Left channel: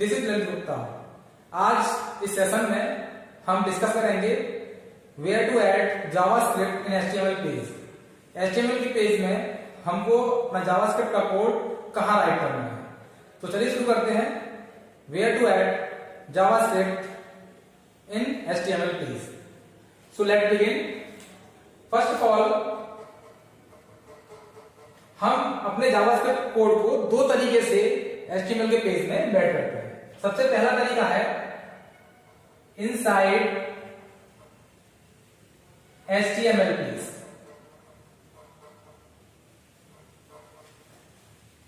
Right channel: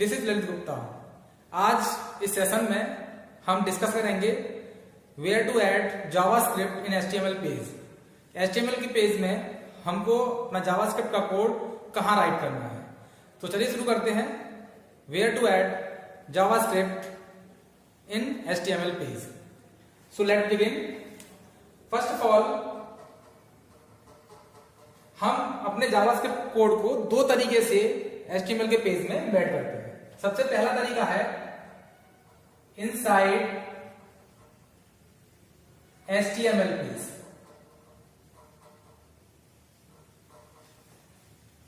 This is Lalit Gupta. आज इस session में हम डिस्कस करेंगे where to add JavaScript in HTML page. HTML के पेज में हमको अपना जावास्क्रिप्ट का कोड कहाँ राइट करना है। तो चलिए शुरू करते हैं। Where to add JavaScript in HTML page. So let begin. First of all हम अपने जावास्क्रिप्ट कोड को दो तरीके से एचटीएमएल के पेज में एम्बेड करते हैं। सबसे पहला तरीका है inside HTML page.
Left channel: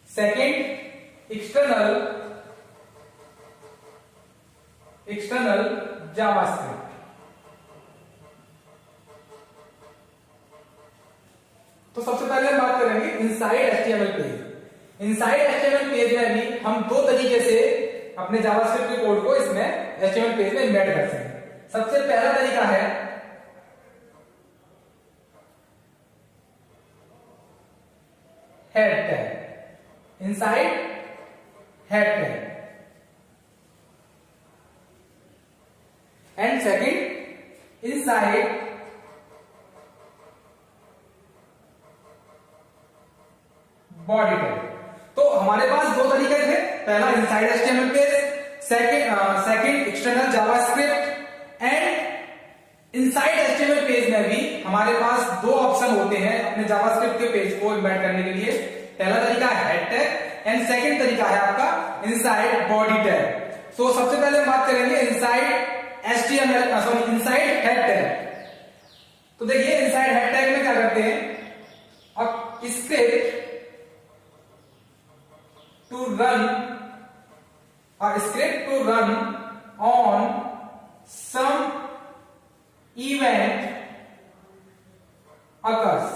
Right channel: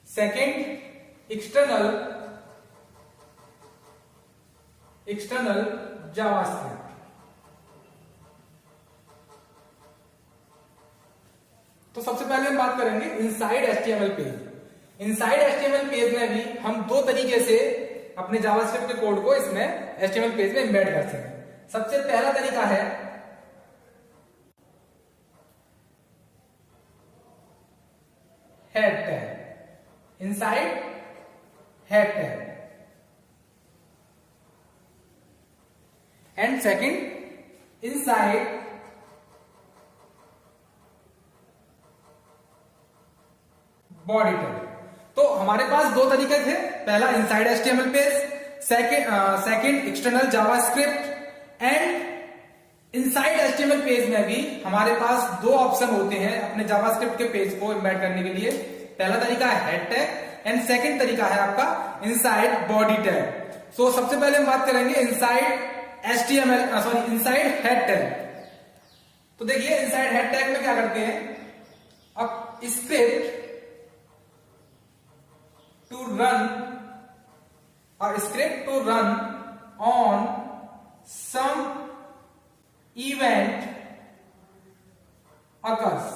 Second external JavaScript. तो सबसे पहले हम बात करेंगे inside HTML page. Inside HTML page में भी हम दो तरीके से अपने जावास्क्रिप्ट के कोड को इसमें एचटीएमएल पेज में एम्बेड कर सकते हैं। सबसे पहला तरीका है head tag. Inside head tag and second inside body tag. तो हमारे पास दो तरीके थे, पहला inside HTML page, second external JavaScript. And inside HTML page में भी हमारे पास दो ऑप्शन होते हैं अपने जावास्क्रिप्ट के पेज को एम्बेड करने के लिए। पहला तरीका है हेड टैग एंड सेकंड तरीका है आपका इनसाइड बॉडी टैग। सो सबसे पहले हम बात करेंगे inside HTML inside head tag. तो देखिए इनसाइड हेड टैग में क्या करते हैं, अब script to run on some event occurs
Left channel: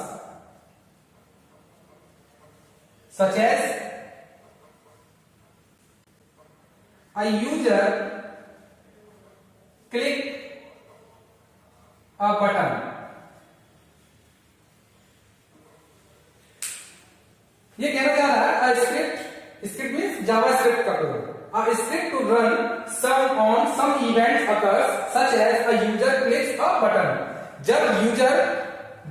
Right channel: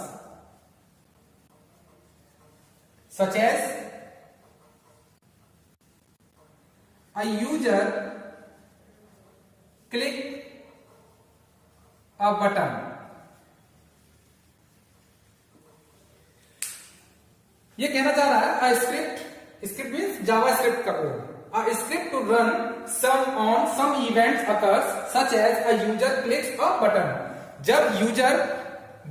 such as a user click a button। ये कहना चाह रहा है स्क्रिप्ट मीन्स जावास्क्रिप्ट का code. A script to run on some events occurs such as a user clicks a button। जब user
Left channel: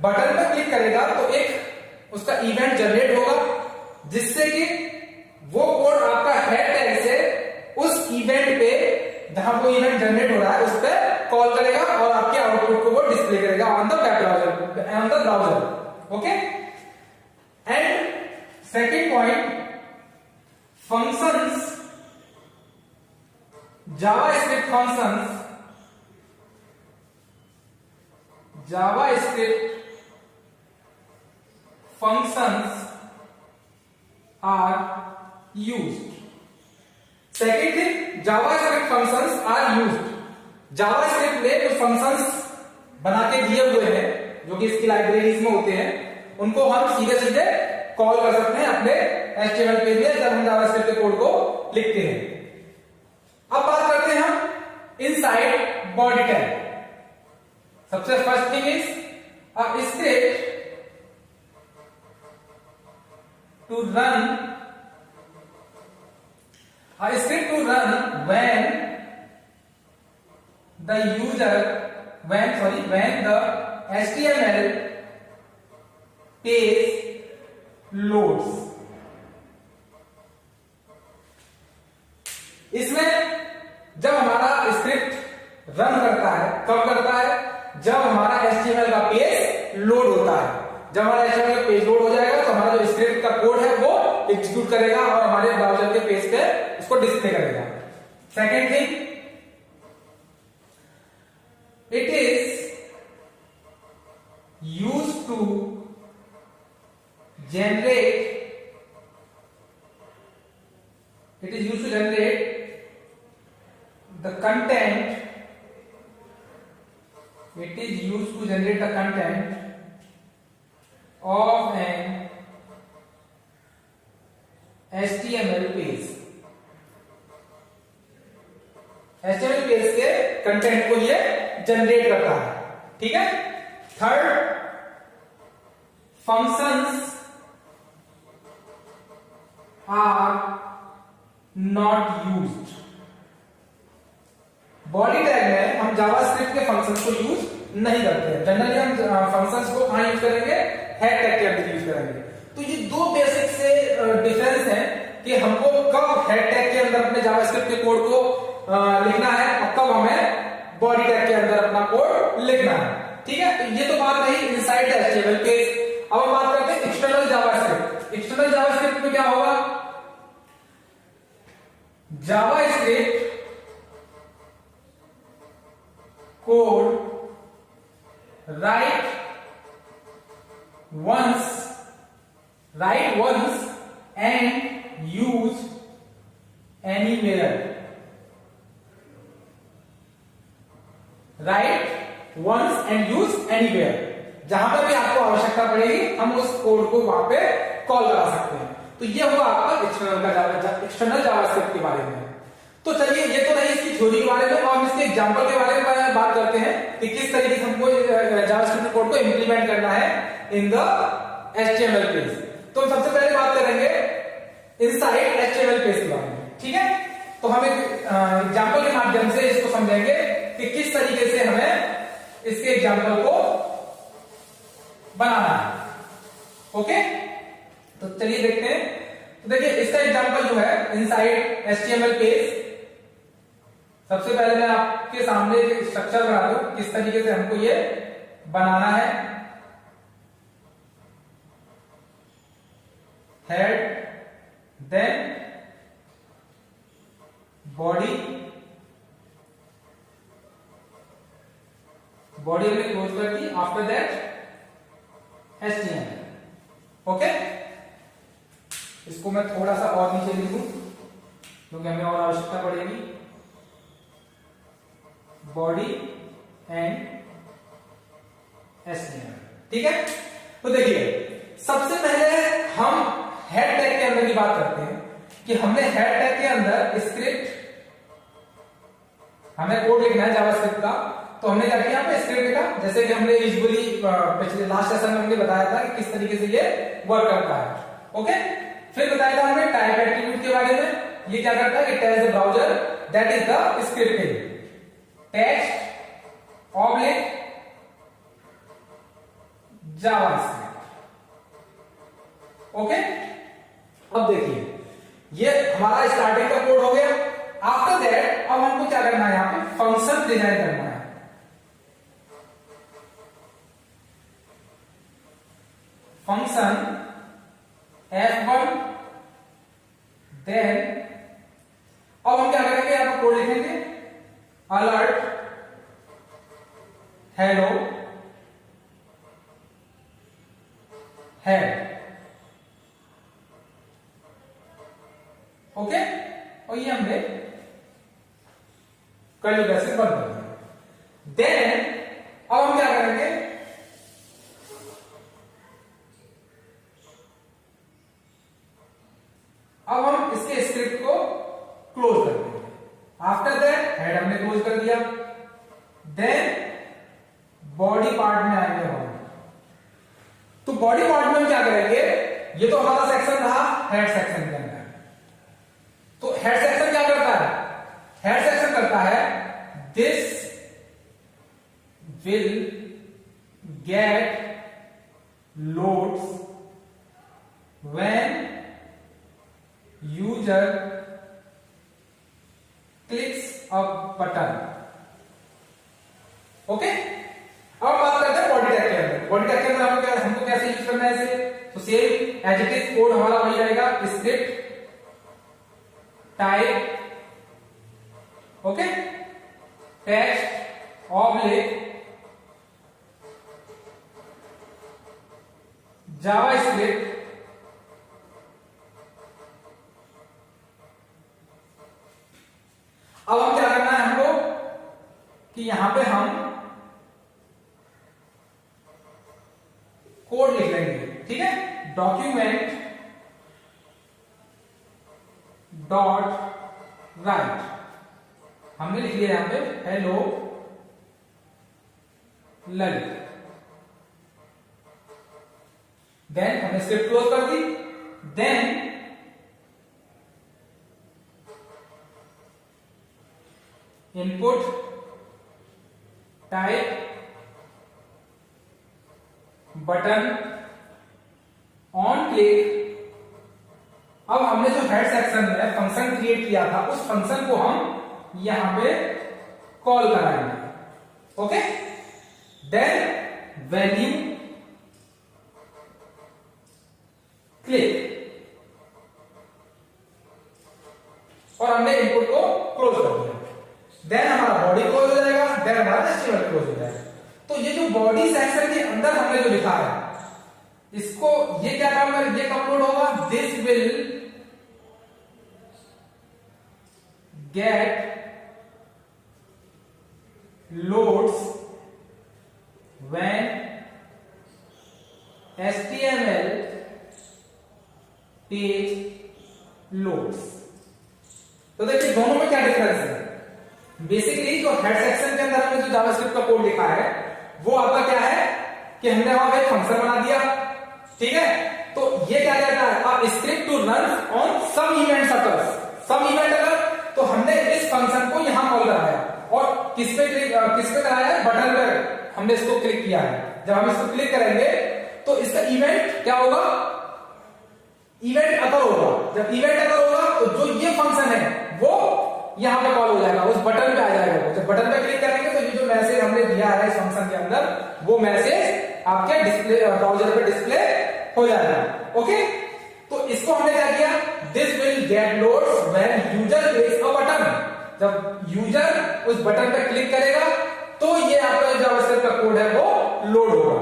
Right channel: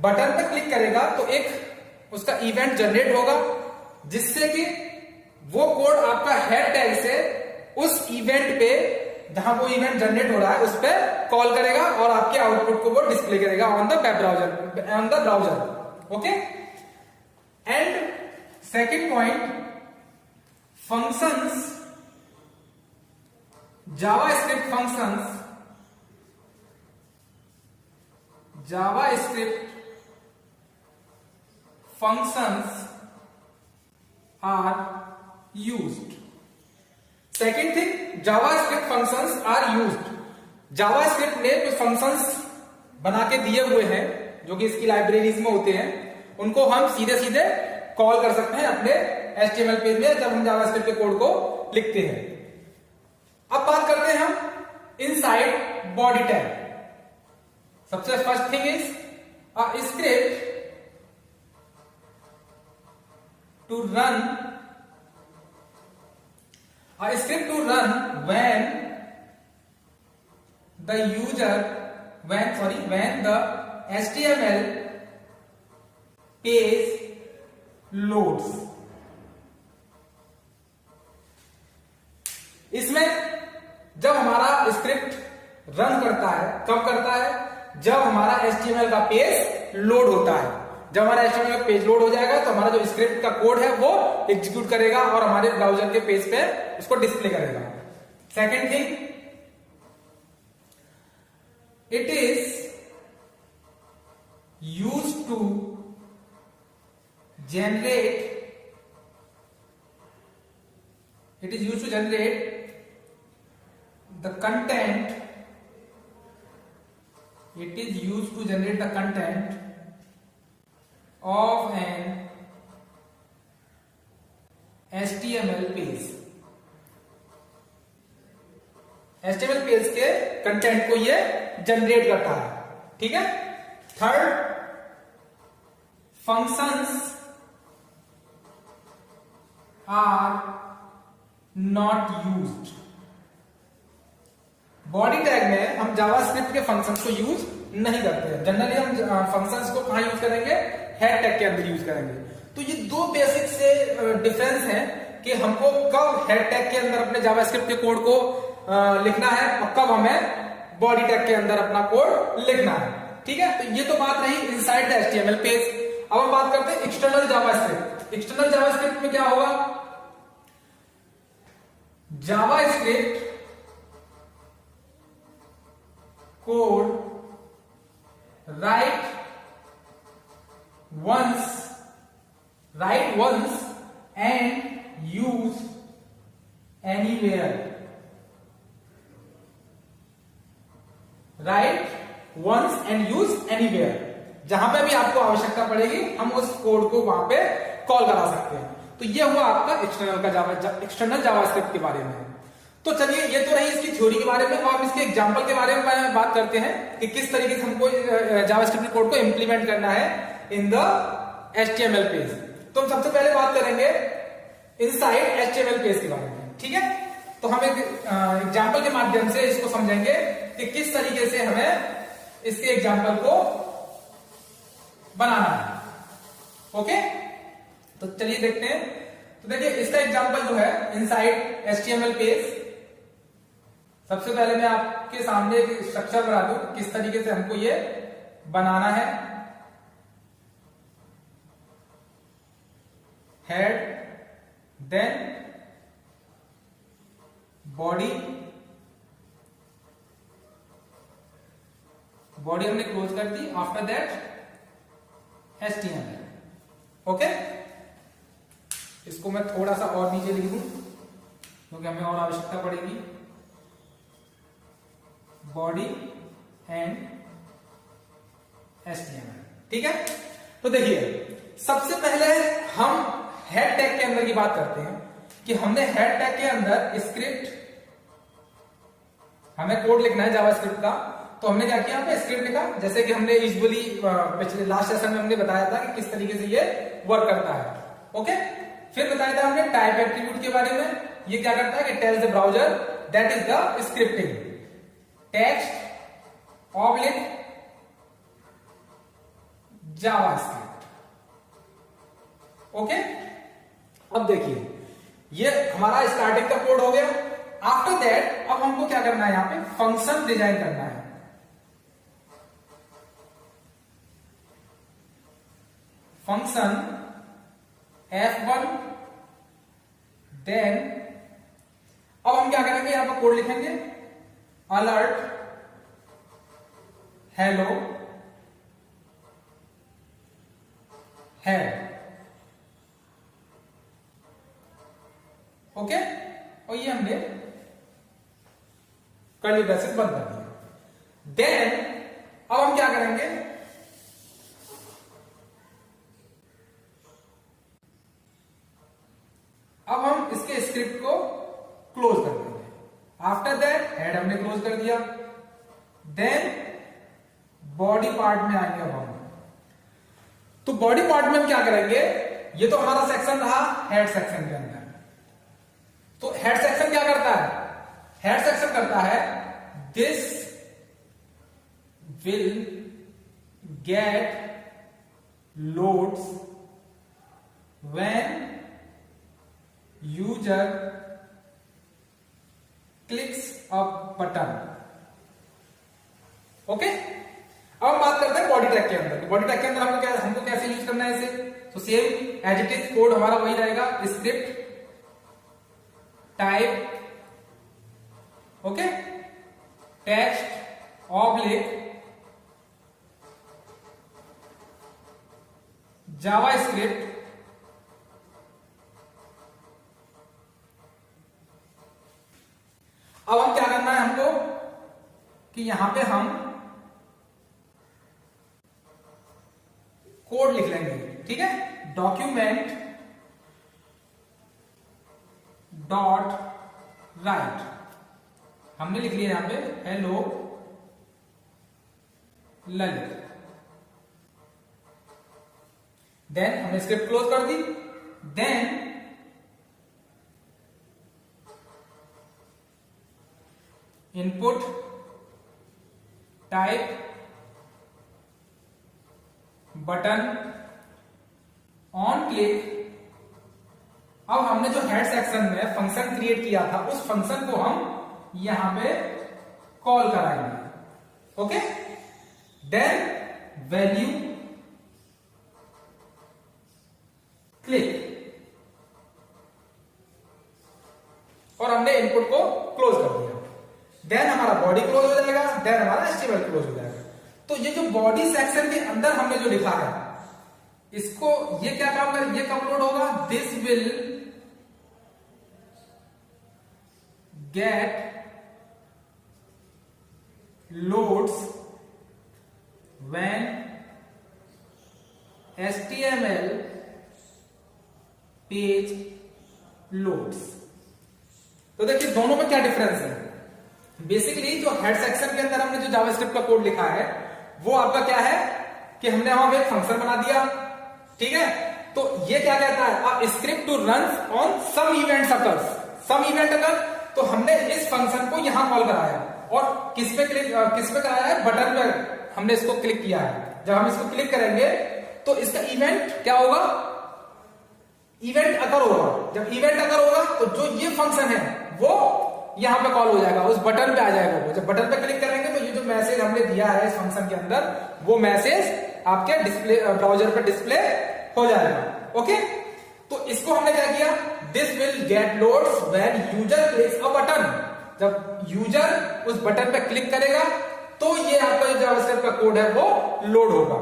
button पर click करेगा तो एक उसका इवेंट जनरेट होगा जिससे कि वो कोड आपका हेड टैग से उस इवेंट पे जहां वो इवेंट जनरेट हो रहा है उस पर कॉल करेगा और आपके आउटपुट को वो डिस्प्ले करेगा on the web browser, on the browser. Okay. And second point functions, JavaScript functions are used। Second thing, JavaScript functions are used। JavaScript में जो functions बना के दिए हुए हैं जो कि इसकी लाइब्रेरीज में होते हैं उनको हम सीधे सीधे कॉल कर सकते हैं अपने एचटीएमएल पेज में जब हम जावास्क्रिप्ट के कोड को लिखते हैं। अब बात करते हैं हम इनसाइड बॉडी टैग। सबसे first thing is a script to run when the HTML page loads. इसमें जब हमारा स्क्रिप्ट रन करता है, कब करता है, जब हमारा एचटीएमएल का पेज लोड होता है। जब हमारा एचटीएमएल का पेज लोड हो जाएगा तो हमारा जो स्क्रिप्ट का कोड है वो एग्जीक्यूट करेगा और हमारे ब्राउजर के पेज पे उसको डिस्प्ले करेगा। Second thing, it is used to generate the content of an HTML page। HTML page के कंटेंट को ये जनरेट करता है। ठीक है। Third, functions are not used। Body tag में हम जावास्क्रिप्ट के फंक्शंस को यूज नहीं करते हैं। जनरली हम फंक्शंस को कहां यूज करेंगे, हेड टैग के अंदर यूज करेंगे। तो ये दो बेसिक से डिफरेंस है कि हमको कब हेड टैग के अंदर अपने जावास्क्रिप्ट के कोड को लिखना है और कब हमें बॉडी टैग के अंदर अपना कोड लिखना है। ठीक है, तो ये तो बात रही इनसाइड द एचटीएमएल पेज। अब हम बात करते हैं एक्सटर्नल जावास्क्रिप्ट। एक्सटर्नल जावास्क्रिप्ट में क्या होगा, JavaScript code write once and use anywhere। write once and use anywhere, जहां पे भी आपको आवश्यकता पड़ेगी हम उस कोड को वहां पे कॉल करा सकते हैं। तो ये हुआ आपका एक्सटर्नल जावास्क्रिप्ट के बारे में। तो चलिए, ये तो रही इसकी थ्योरी के बारे में। और इसके एग्जांपल के बारे में बात करते हैं कि किस तरीके से हमको जावास्क्रिप्ट कोड को इंप्लीमेंट करना है इन द एचटीएमएल पेज। तो हम सबसे पहले बात करेंगे इनसाइड एचटीएमएल पेज के बारे में। ठीक है, तो हम एक एग्जांपल के माध्यम से इसको समझेंगे कि किस तरीके से हमें इसके एग्जांपल को बनाना है। ओके, तो चलिए देखते हैं। तो देखिए, इसका एग्जांपल जो है इनसाइड एचटीएमएल पेज। सबसे पहले मैं आपके सामने स्ट्रक्चर बना दूं किस तरीके से हमको ये बनाना है। हेड, देन बॉडी, बॉडी हमने क्लोज कर दी। After that HTML. ओके, इसको मैं थोड़ा सा और नीचे लिख दूं क्योंकि हमें और आवश्यकता पड़ेगी। Body and HTML. ठीक है, तो देखिए, सबसे पहले हम हेड टैग के अंदर की बात करते हैं कि हमने हेड टैग के अंदर स्क्रिप्ट, हमें कोड लिखना है जावास्क्रिप्ट का। तो हमने क्या किया, पे स्क्रिप्ट लिखा, जैसे कि हमने यूजुअली पिछले लास्ट सेशन में हमने बताया था कि किस तरीके से ये वर्क करता है। ओके, फिर बताया था हमने टाइप एट्रीब्यूट के बारे में। ये क्या करता है कि tells the browser that is the scripting text oblique JavaScript. Okay, अब देखिए, ये हमारा स्टार्टिंग का कोड हो गया। आफ्टर दैट अब हमको क्या करना है, यहां पे फंक्शन डिजाइन करना है। फंक्शन F1, देन अब हम क्या करेंगे, यहां पर कोड लिखेंगे अलर्ट हेलो हेड। ओके, और ये हमने कर्ली ब्रैकेट बंद कर दिया। देन अब हम क्या करेंगे, अब हम इसके स्क्रिप्ट को क्लोज कर देंगे। आफ्टर दैट हेड हमने क्लोज कर दिया। देन बॉडी पार्ट में आएंगे हम। तो बॉडी पार्ट में हम क्या करेंगे, ये तो हमारा सेक्शन था हेड सेक्शन के अंदर। तो हेड सेक्शन क्या करता है, हेड सेक्शन करता है this will get loads when user clicks a button. Okay, अब बात करते हैं बॉडी टैग के अंदर। बॉडी टैग के अंदर हमको कैसे यूज करना है इसे, तो same as it is code हमारा वही रहेगा, script type, okay, text oblique JavaScript अब हम क्या करना है हमको कि यहां पे हम कोड लिख लेंगे। ठीक है, डॉक्यूमेंट डॉट राइट हमने लिख लिया यहां पे हेलो ललित। देन हमने स्क्रिप्ट क्लोज कर दी। Then input type button on click. अब हमने जो हेड सेक्शन में फंक्शन क्रिएट किया था उस फंक्शन को हम यहां पे कॉल कराएंगे। ओके, देन वैल्यू क्लिक और हमने इनपुट को क्लोज कर दिया। देन हमारा बॉडी क्लोज हो जाएगा, देन हमारा HTML क्लोज हो जाएगा। तो ये जो बॉडी सेक्शन के अंदर हमने जो लिखा है इसको ये क्या काम करें, ये अपलोड होगा। This will get loads when HTML page loads. तो देखिए दोनों में क्या डिफरेंस है। बेसिकली जो हेड सेक्शन के अंदर हमने जो जावास्क्रिप्ट का कोड लिखा है वो आपका क्या है कि हमने वहां पे एक फंक्शन बना दिया, ठीक है। तो ये क्या कहता है, अब script to run on some events occurs, some event अगर, तो हमने इस फंक्शन को यहां कॉल कराया और किस पे कराया है, बटन पे हमने इसको क्लिक किया है। जब हम इसको क्लिक करेंगे तो इसका इवेंट क्या होगा, इवेंट अकर होगा। जब इवेंट अकर होगा तो जो ये फंक्शन है वो यहां पे कॉल हो जाएगा, उस बटन पे आ जाएगा। जब बटन पे क्लिक करेंगे तो ये जो मैसेज हमने दिया है इस फंक्शन के अंदर वो मैसेज आपके डिस्प्ले ब्राउजर पे डिस्प्ले हो जाएगा। ओके, तो इसको हमने क्या किया, this will get loads when user clicks a button. जब यूजर उस बटन पे क्लिक करेगा तो ये आपका जो जावास्क्रिप्ट का कोड है वो लोड होगा।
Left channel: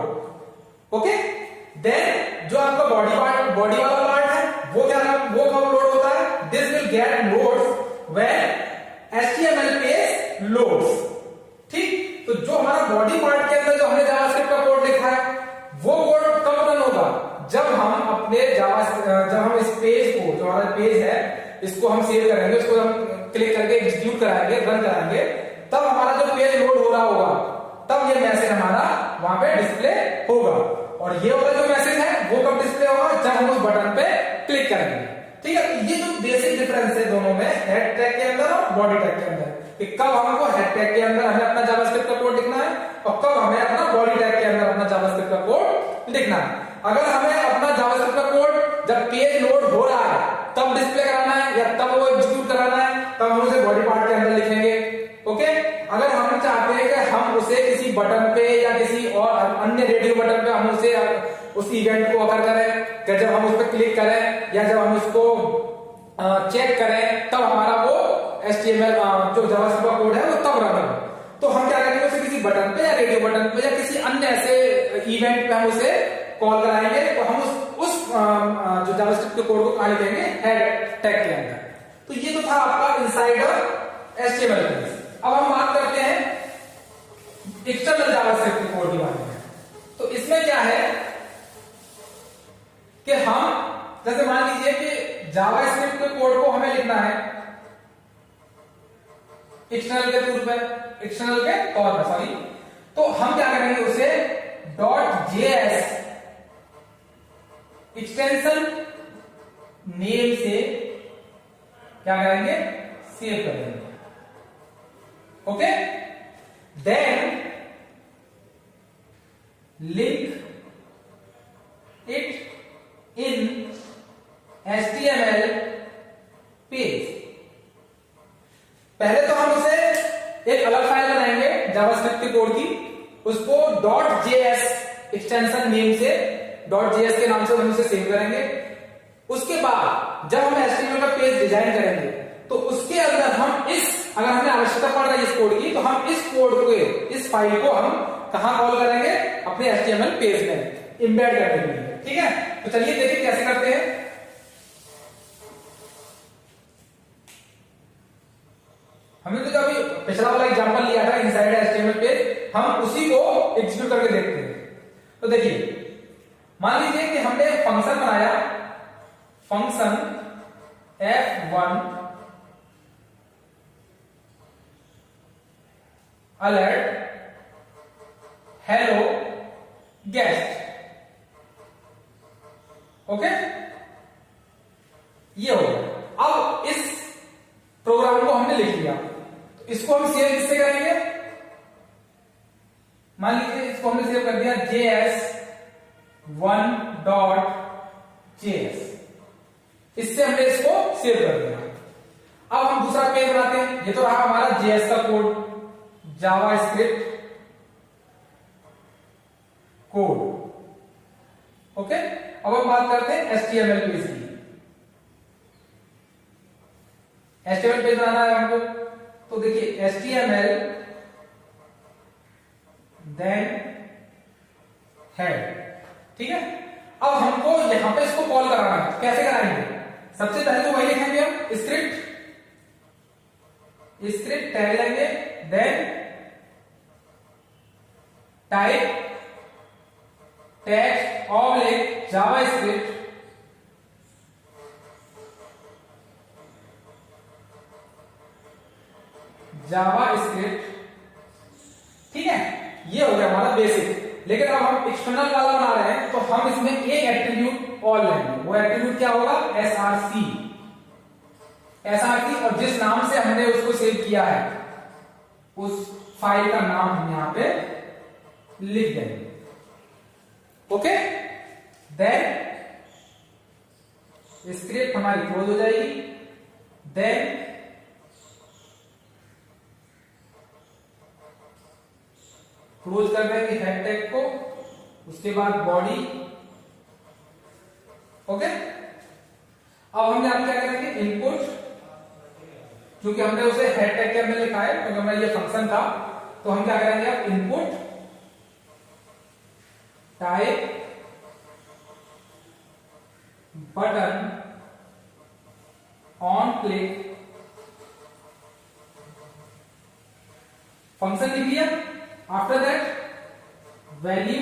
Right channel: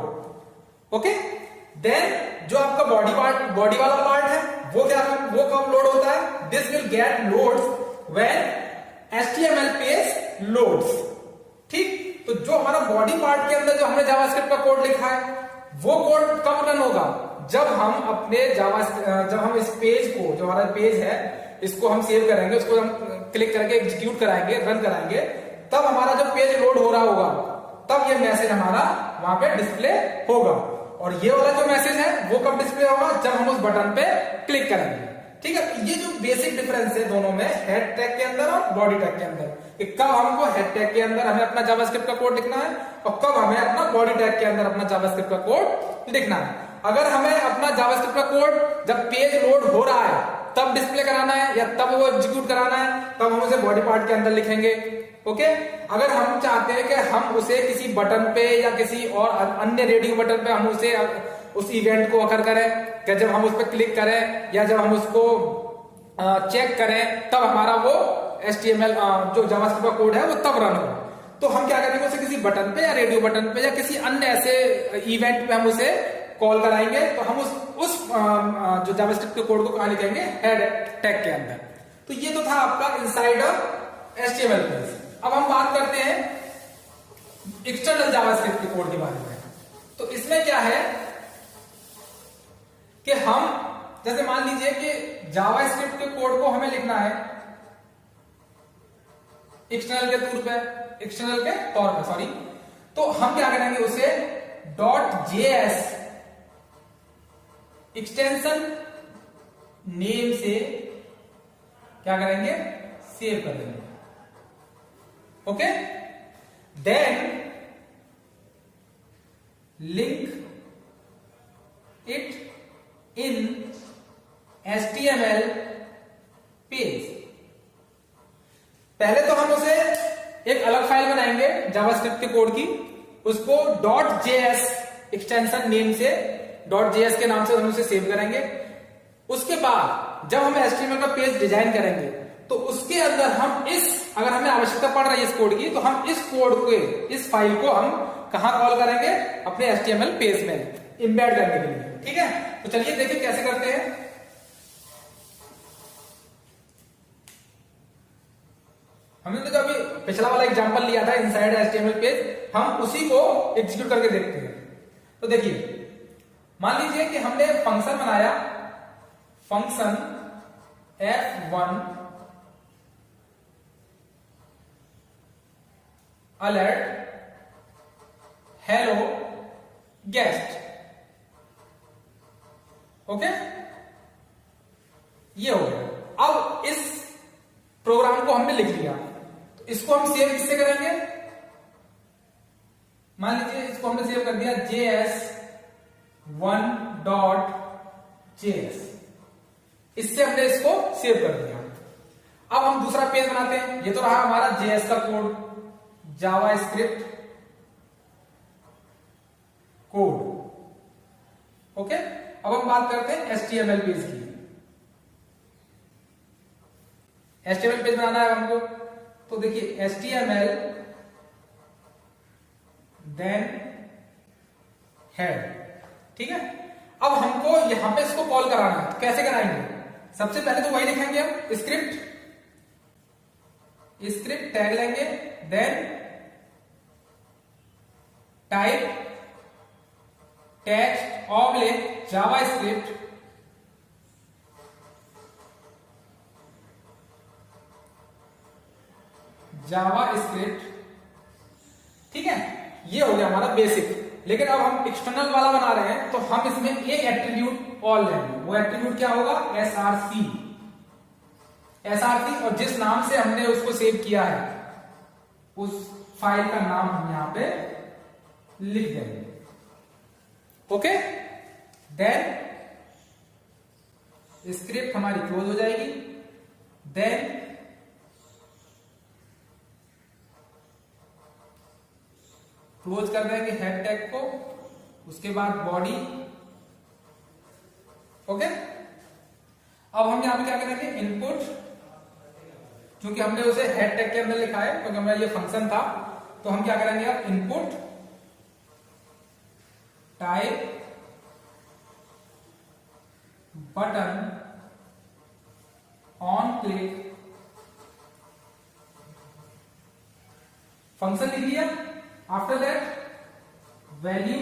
ओके, देन जो आपका बॉडी वाला पार्ट है वो कब लोड होता है, this will get loads when HTML page loads. ठीक, तो जो हमारा बॉडी पार्ट के अंदर जो हमने जावास्क्रिप्ट का कोड लिखा है वो कोड कब रन होगा, जब हम अपने जब हम इस पेज को, जो हमारा पेज है इसको हम सेव करेंगे, उसको हम क्लिक करके एग्जीक्यूट कराएंगे, रन कराएंगे, तब हमारा जो पेज लोड हो रहा होगा तब ये मैसेज हमारा वहां पे डिस्प्ले होगा। और ये वाला जो मैसेज है वो कब डिस्प्ले होगा, जब हम उस बटन पे क्लिक करेंगे। ठीक है, ये जो बेसिक डिफरेंस है दोनों में, हेड टैग के अंदर और बॉडी टैग के अंदर, कि कब हमको हेड टैग के अंदर हमें अपना जावास्क्रिप्ट का कोड लिखना है और कब हमें अपना बॉडी टैग के अंदर अपना जावास्क्रिप्ट का कोड लिखना है। अगर हमें अपना जावास्क्रिप्ट का कोड जब पेज लोड हो रहा है तब डिस्प्ले कराना है या तब वो एग्जीक्यूट कराना है, तब हम उसे बॉडी पार्ट के अंदर लिखेंगे। ओके, अगर हम चाहते हैं कि हम उसे किसी बटन पे या किसी और अन्य रेडियो बटन पे हम उसे उस इवेंट को अकर करें कि जब हम उस पर क्लिक करें या जब हम उसको चेक करें तब हमारा वो HTML जो जावास्क्रिप्ट का कोड है वो तब रन होगा। तो हम क्या करेंगे, उसे किसी बटन पे या रेडियो बटन पे या किसी अन्य ऐसे इवेंट पे हम उसे कॉल कराएंगे। तो हम उस जो जावास्क्रिप्ट के कोड को कहां लिखेंगे, हेड टैग के अंदर। तो ये तो था आपका इनसाइडर HTML पेज। अब हम बात करते हैं एक्सटर्नल जावास्क्रिप्ट के कोड के बारे में। तो इसमें क्या है कि हम जैसे मान लीजिए कि जावास्क्रिप्ट के कोड को हमें लिखना है एक्सटर्नल के तौर पर सॉरी, तो हम क्या करेंगे, उसे .js एक्सटेंशन नेम से क्या करेंगे, सेव करेंगे। Okay, then link it in HTML page. पहले तो हम उसे एक अलग फाइल बनाएंगे जावास्क्रिप्ट के कोड की, उसको .js एक्सटेंशन नेम से .js के नाम से हम उसे सेव करेंगे। उसके बाद जब हम HTML का पेज डिजाइन करेंगे तो उसके अंदर हम अगर हमें आवश्यकता पड़ रही है इस कोड की, तो हम इस कोड को, इस फाइल को हम कहां कॉल करेंगे, अपने HTML पेज में इंबेड करने के लिए। ठीक है, तो चलिए देखिए कैसे करते हैं। हमने तो जब पिछला वाला एग्जांपल लिया था इनसाइड HTML पेज, हम उसी को एग्जीक्यूट करके देखते हैं। तो देखिए मान लीजिए कि हमने फंक्शन बनाया, function F1 alert hello guest. Okay, ये हो गया। अब इस प्रोग्राम को हमने लिख लिया। तो इसको हम सेव किससे करेंगे? मान लीजिए इसको हमने सेव कर दिया js1.js, इससे हमने इसको सेव कर दिया। अब हम दूसरा पेज बनाते हैं। ये तो रहा हमारा JS का कोड, जावास्क्रिप्ट कोड। ओके, अब हम बात करते हैं HTML पेज की। HTML पेज बनाना है हमको, तो देखिए HTML देन हेड, ठीक है। अब हमको यहां पे इसको कॉल कराना है, कैसे कराएंगे? सबसे पहले तो वही लिखेंगे हम, स्क्रिप्ट टैग लेंगे, then type tag oblique JavaScript ठीक है। ये हो गया हमारा बेसिक। लेकिन अब हम एक्सटर्नल वाला बना रहे हैं, तो हम इसमें एक एट्रीब्यूट और लेंगे। वो एट्रीब्यूट क्या होगा? src, और जिस नाम से हमने उसको सेव किया है उस फाइल का नाम हम यहां पे लिख देंगे। ओके, देन स्क्रिप्ट हमारी क्लोज हो जाएगी। देन क्लोज कर देंगे हेड टैग को, उसके बाद बॉडी। ओके, अब हम यहां क्या करेंगे? इनपुट, क्योंकि हमने उसे हेड टैग के अंदर लिखा है, क्योंकि हमारा ये फंक्शन था, तो हम क्या करेंगे? अब input type button on click, function लिख लिया। आफ्टर दैट वैल्यू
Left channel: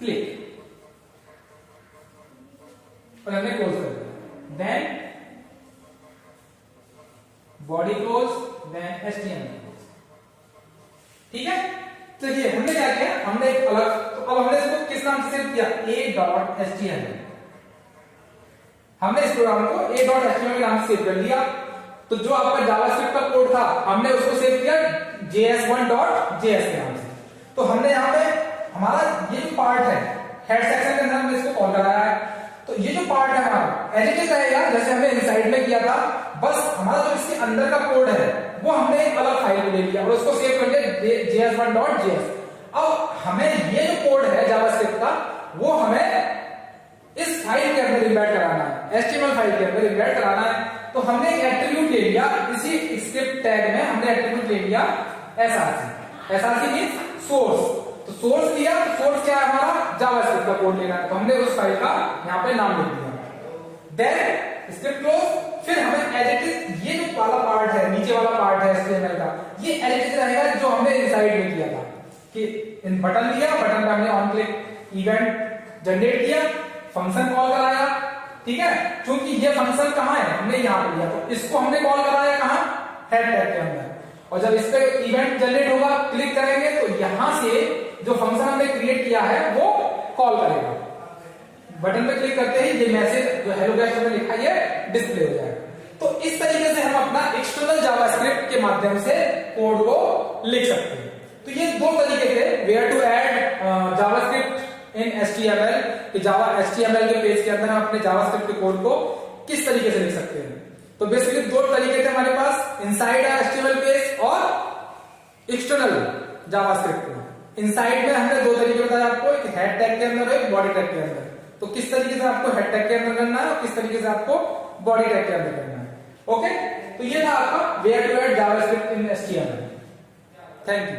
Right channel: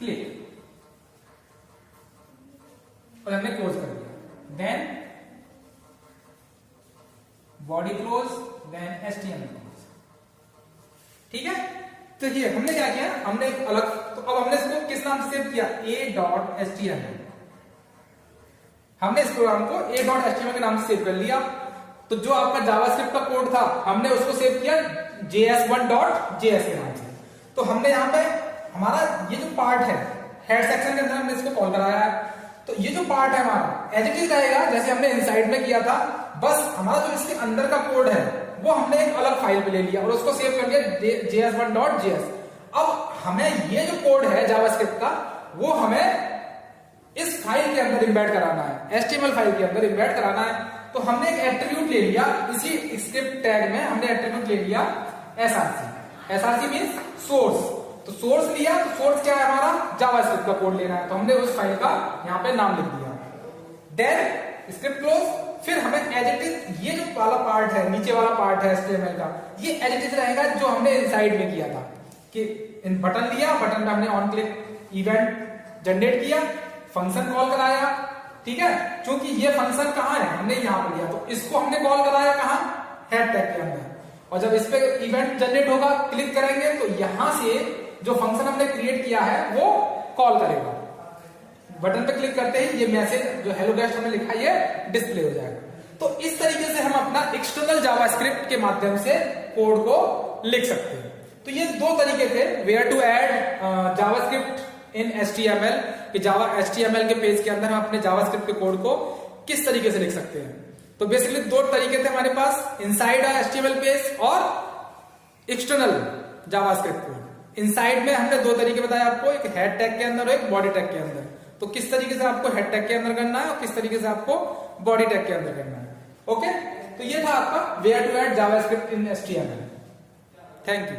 क्लिक, और हमने क्लोज कर दिया। Then body close, then HTML close, ठीक है। तो ये हमने क्या किया? हमने एक अलग, तो अब हमने इसको किस नाम से सेव किया? a.html। हमने इस प्रोग्राम को a.html के नाम से सेव कर लिया। तो जो आपका जावास्क्रिप्ट का कोड था, हमने उसको सेव किया js1.js के नाम से। तो हमने यहाँ पे हमारा ये जो पार्ट है, हेड सेक्शन के अंदर हमने इसको कॉल कराया है। तो ये जो पार्ट है हमारा एज इट इज रहेगा जैसे हमने इनसाइड में किया था, बस हमारा जो इसके अंदर का कोड है वो हमने एक अलग फाइल में ले लिया और उसको सेव कर लिया js1.js। अब हमें ये जो कोड है जावास्क्रिप्ट का, वो हमें इस फाइल के अंदर इम्बेड कराना है, HTML फाइल के अंदर इम्बेड कराना है। तो हमने एक एट्रीब्यूट ले लिया, इसी स्क्रिप्ट टैग में हमने एट्रीब्यूट ले लिया src मींस सोर्स। तो सोर्स लिया, तो सोर्स क्या है? हमारा जावास्क्रिप्ट का कोड लेना है, तो हमने उस फाइल का यहां पे नाम लिख दिया। Then script close. फिर हमें एज इट इज ये जो वाला पार्ट है, नीचे वाला पार्ट है HTML का, ये एज इट इज रहेगा जो हमने इनसाइड में किया था। कि बटन लिया, बटन पे हमने ऑन क्लिक इवेंट जनरेट किया, फंक्शन कॉल कराया, ठीक है। क्योंकि ये फंक्शन कहां है? हमने यहां पे लिया, तो इसको हमने कॉल कराया कहां? हेड टैग के अंदर। और जब इस पे इवेंट जनरेट होगा, क्लिक करेंगे, तो यहां से जो फंक्शन हमने क्रिएट किया है वो कॉल करेगा। बटन पे क्लिक करते ही ये मैसेज जो हेलो गेस्ट हमने लिखा है ये डिस्प्ले हो जाएगा। तो इस तरीके से हम अपना एक्सटर्नल जावास्क्रिप्ट के माध्यम से कोड को लिख सकते हैं। तो ये दो तरीके थे, where to add JavaScript in HTML, कि जावा HTML के पेज के अंदर हम अपने जावास्क्रिप्ट के कोड को किस तरीके से लिख सकते हैं। तो बेसिकली दो तरीके थे हमारे पास, इनसाइड HTML पेज और एक्सटर्नल जावास्क्रिप्ट कोड। इनसाइड में हमने दो तरीके बताए आपको, एक हेड टैग के अंदर और एक बॉडी टैग के अंदर। तो किस तरीके से आपको हेड टैग के अंदर करना है और किस तरीके से आपको बॉडी टैग के अंदर करना है। ओके, तो ये था आपका where to add JavaScript in HTML। Thank you.